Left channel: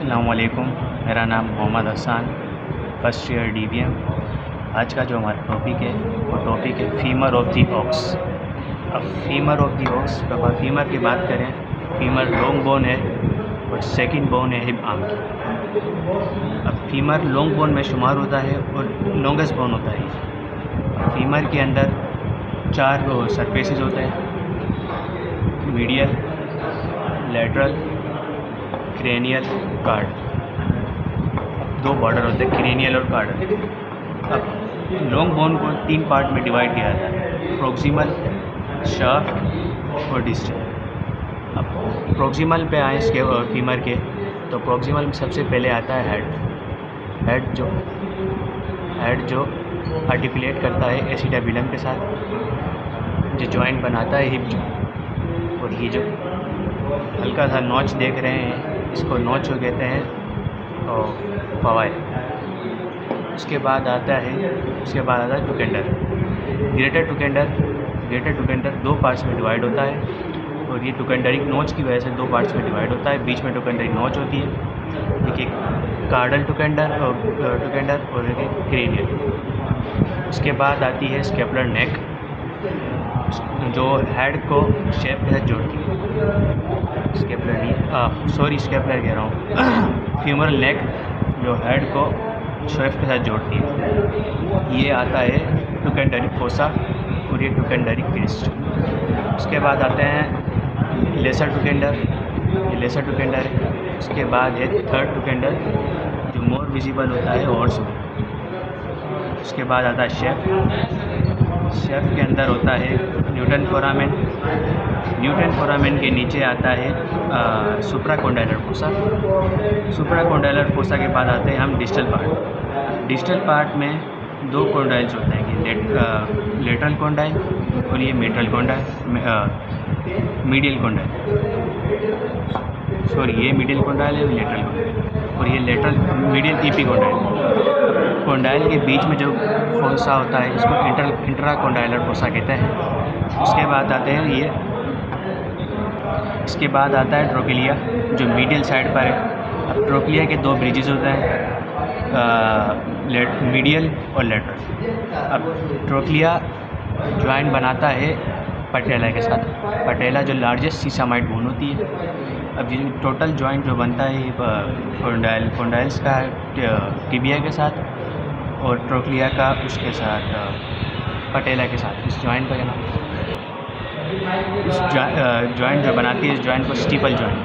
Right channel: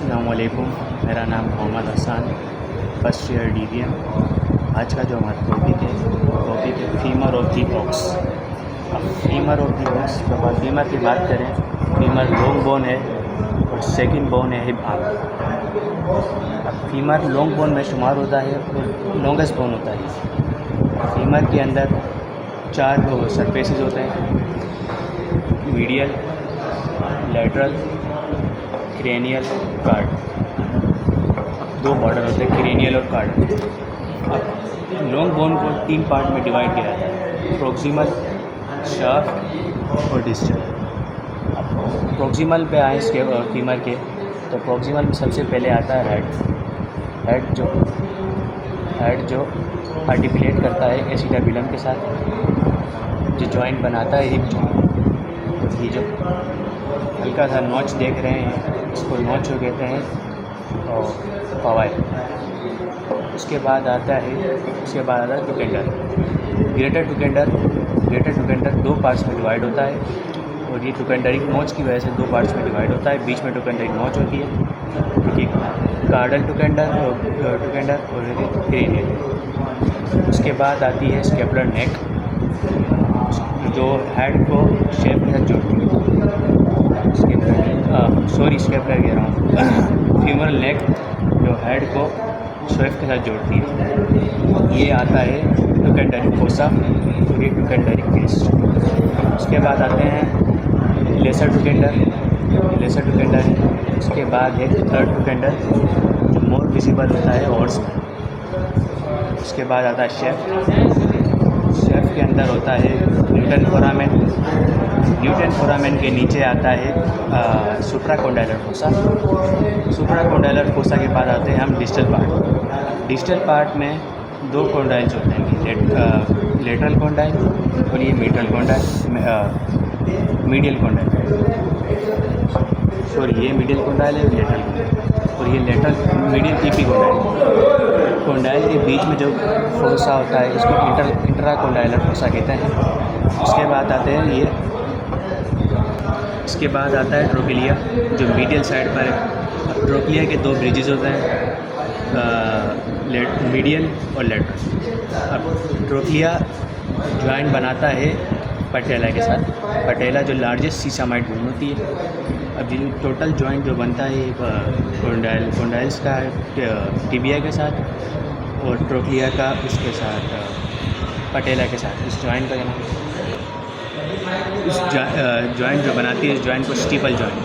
अस्सलामुअलैकुम, मेरा नाम Mohammad Hasan, first year DBM। आज का जो हमारा टॉपिक है वो टॉपिक है फीमर ऑफ दी ऑक्स। अब femur of the ox femur की बात करें, फीमर लॉन्ग बोन है और सेकंड बोन है हिप आर्म की। अब फीमर लॉन्ग बोन में शुमार होता है और लॉन्गेस्ट बोन होता है। फीमर के अंदर 4 सरफेसेस होते हैं, medial, lateral, cranial, card. 2 border होते हैं, क्रेनियल और कार्ड। अब लॉन्ग बोन को 3 पार्ट में डिवाइड किया जाता है, प्रोक्सिमल, शाफ्ट और डिस्टल। अब प्रोक्सिमल पे आए इसके फीमर के, तो प्रोक्सिमल में सबसे पहले आता है हेड जो आर्टिकुलेट करता है एसिटाइलम के साथ, जो जॉइंट बनाता है हिप जॉइंट। और ये जो हल्का सा नॉच देख रहे हैं, इसको नॉच को कहते हैं और फवाइल। उसके बाद आता है टुकेंडर। ग्रेटर टुकेंडर 2 पार्ट्स में डिवाइड होता है और ये टुकेंडरिक नोच की वजह से 2 पार्ट्स में डिवाइड होता है। बीच में टुकेंडरिक नोच होती है, क्योंकि कार्डल टुकेंडर और क्रेनियल। उसके बाद आती है स्केपुलर नेक, जो हेड को शेप के साथ जोड़ती है। स्केपुलर कह रहा हूँ फीमरल नेक, जो हेड को शेप के साथ जोड़ती है। ये आता है टुकेंडरिक फोसा और ये टुकेंडरिक वेस्ट। उसके बाद आते हैं लेसर टुकेंडर। उसके बाद है थर्ड टुकेंडर, जो मोर विजिबल होता है हॉर्स में। उसके बाद आता है शेफ के अंदर होता है न्यूटन फोरामेन के नीचे आता है सुप्राकोंडाइलर फोसा के बाद आते हैं हम डिस्टल पार्ट में 2 कोंडाइल्स होते हैं, लेटरल कोंडाइल और ये मीडियल कोंडाइल। ये मीडियल कोंडाइल है, लेटरल कोंडाइल, और ये लेटरल मीडियल ईपी कोंडाइल के बीच में जो फोसा होता है, इसको इंट्राकोंडाइलर फोसा कहते हैं। इसके बाद आता है ट्रोकिलिया, जो मीडियल साइड पर है। ट्रोकिलिया के 2 ब्रिजेस होते हैं, मीडियल और लेटरल। अब ट्रोकिलिया ज्वाइंट बनाता है पटेला के साथ। पटेला जो लार्जेस्ट सीसामाइड बोन होती है। अब ये टोटल जॉइंट जो बनता है कोंडाइल्स का टिबिया के साथ और ट्रोकिलिया का उसके साथ पटेला के साथ। इस जॉइंट का जॉइंट जो बनाती है, इस जॉइंट को स्टीपल जॉइंट।